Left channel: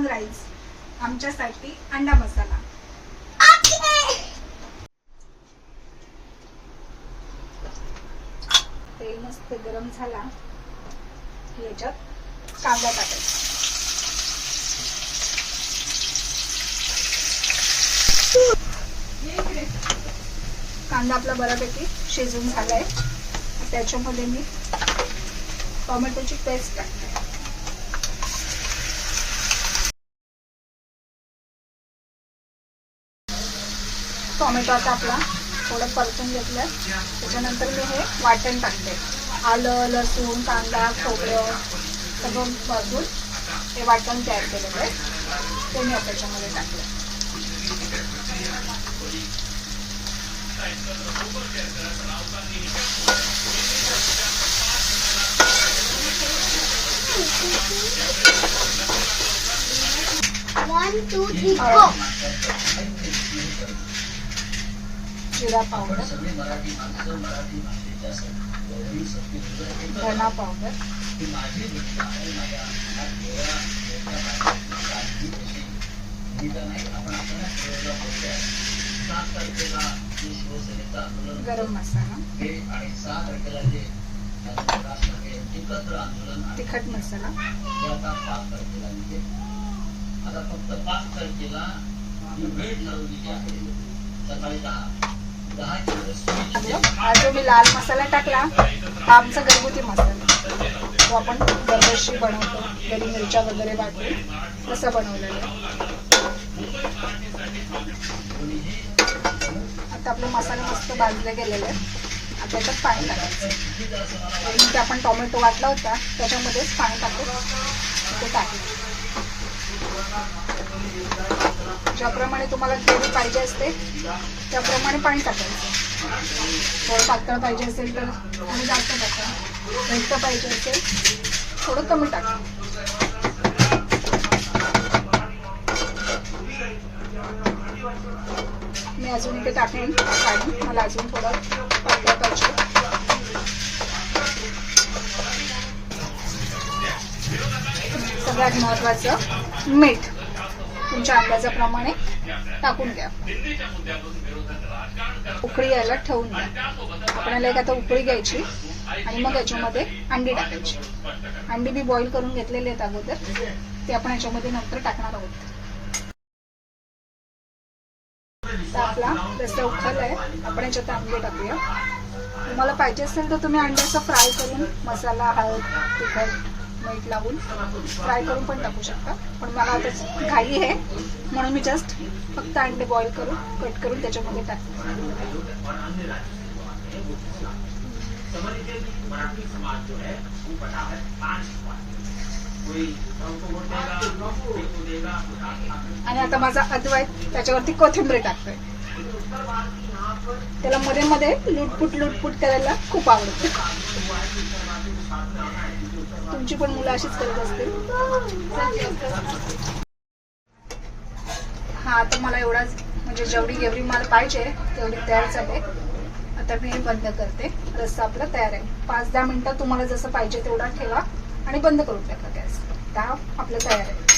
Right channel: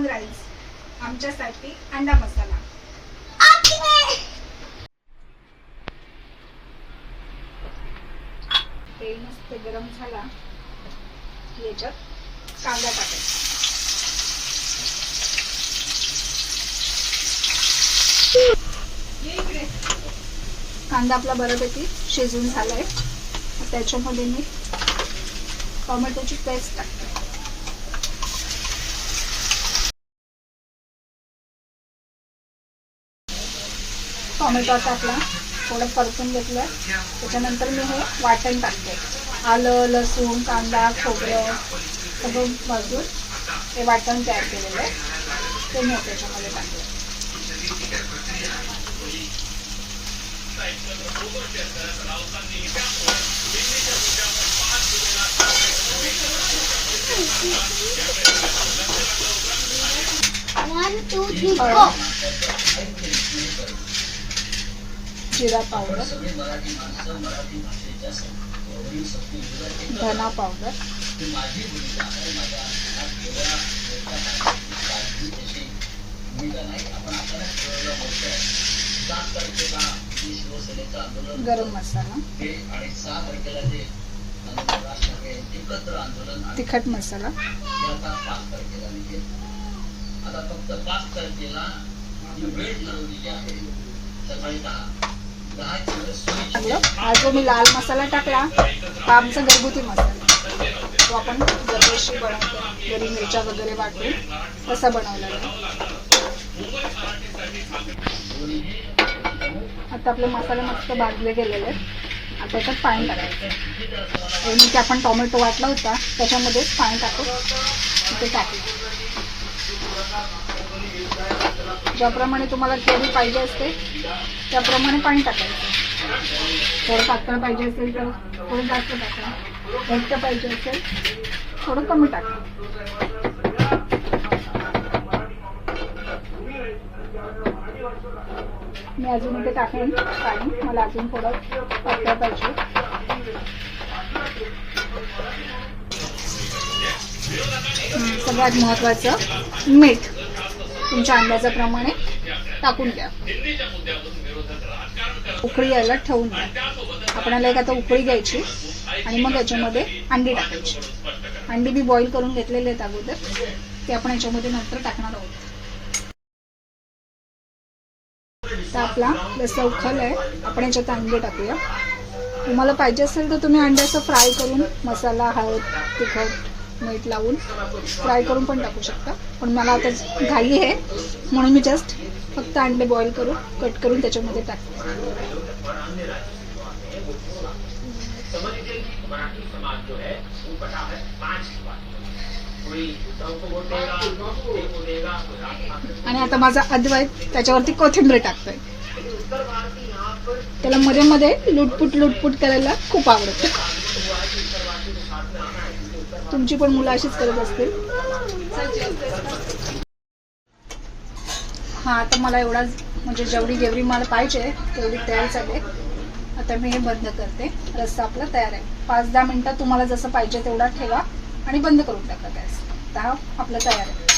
छान राहील आमच्यासाठी अंडा मसाला। तेल मस्त गरम झाला की याच्यात कांदा टाकायचा। कांदा आपला बऱ्यापैकी शिजून झालाय, त्याच्यामध्ये मी टोमॅटोची पेस्ट टाकते। टोमॅटो आता आपला थोडं परतून घेतलं, त्याच्यानंतर मी हे वाटण टाकते। आलं, लसूण, कांदा, खोबरं सगळं भाजून हे वाटण तयार केलेलं आहे ते मी त्याच्यामध्ये टाकलं। One, two, three, go. जिरा पावडर, धना पावडर, गरम मसाला, तिखट मसाला, हा जो मी लाल मसाला टाकला हा आमचा घरगुती मसाला, तो आपण दरवर्षी बनवतो घरी मिरच्या वगैरे वाटून तसा बनवलेला आहे। आता आपले मसाले मस्त भाजले गेलेले आहेत। आता याच्यात पाणी टाकायचं, जे आपण टोमॅटो वाटला होता त्याच्यामध्येच पाणी टाकून ते टाकलं। ज्याप्रमाणे तुम्हाला ग्रेव्ही पाहिजे असते त्याप्रमाणे पाणी टाकायचं। थोडं पातळ पाहिजे असेल तर थोडं जास्त टाका, घट्ट पाहिजे असेल थोडं कमी टाका। मी अजून इथे टाकेन पाणी, मला अजून थोडं पातळ पाहिजे। सगळ्यात महत्त्वाचं मीठ तुमच्या अंदाजाप्रमाणे टाकून द्या। उकळी यायला ठेवून द्या। आपल्याला एक आता उकळी घ्यायची आणि मग याच्यामध्ये अंडी टाकायची। अंडी मी बॉईल करून घेतलेले आहेत अगोदर, ते आपण याच्यामध्ये नंतर टाकणार आहोत। तर आपला रस्सा उकळलाय, आपण याच्यात अंडे टाकूया। तुम्हाला पाहिजे असेल तर तुम्ही अंड्याचं फ्राय करून मसाला, हळद, तिखट, मीठ लावून फ्राय करून पण टाकू शकता, पण मला आता घाई आहे म्हणून मी जस्ट फक्त अंडे बॉईल करून कट करून त्याच्यामध्ये टाकते। आणि आता माझा अद्वैत त्याच्यावरती कोथिंबीर टाकतोय। त्याला मध्ये मध्ये लुटपुट करायला खूप आवडतं। तुमची पण मुलं अशीच करत असतील। हा आता मला एवढाच, म्हणजे जेवढी ग्रेव्ही मला पाहिजे तेवढी तयार झाली। आता मी हे बंद करते। रस्सा आपला तयार आहे। 5-10 मिनिटं तुम्हाला जसं पाहिजे तेवढा ठेवा आणि बंद करून टाका गॅस। आता हा आपला तयार आहे।